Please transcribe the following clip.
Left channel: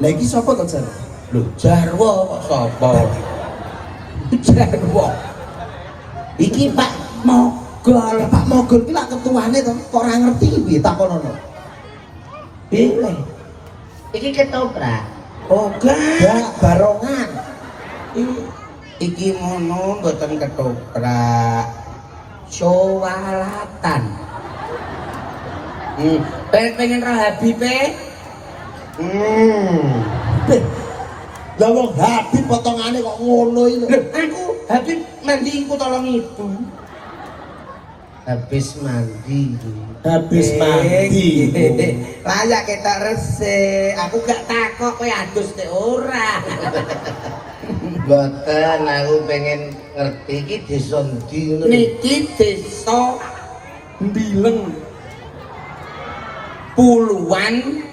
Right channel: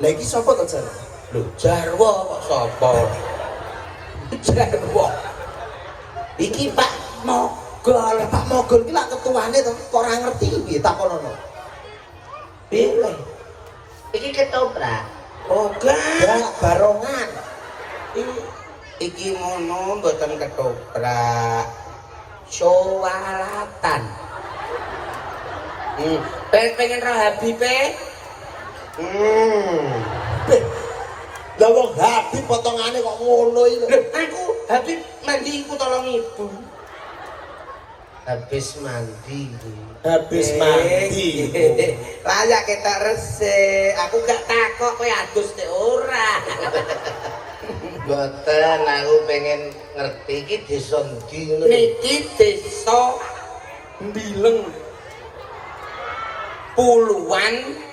Lah iki sapa to jan? Lho, jarwo sapa? Jarwo. Iki Pak Mogol, Pak Mogol ki lak ketuane to kok ora ngerti piye takonono. piye? Iki ketoprak. Oh, gak barongan. Iki mono mboten ketoprak. Syowalatan. Pengen roh Habibe? Lah wong Habib potongane kok ngono iki. Aku Habib mandi engko tolong ibu. Habis mandi. Habis mandi. Layak kita resik. Aku gak takok kowe adus nek ora. Boten, aku pengen ngerti iki desa ndi ngono. Niki desa Mbileng. Puluhan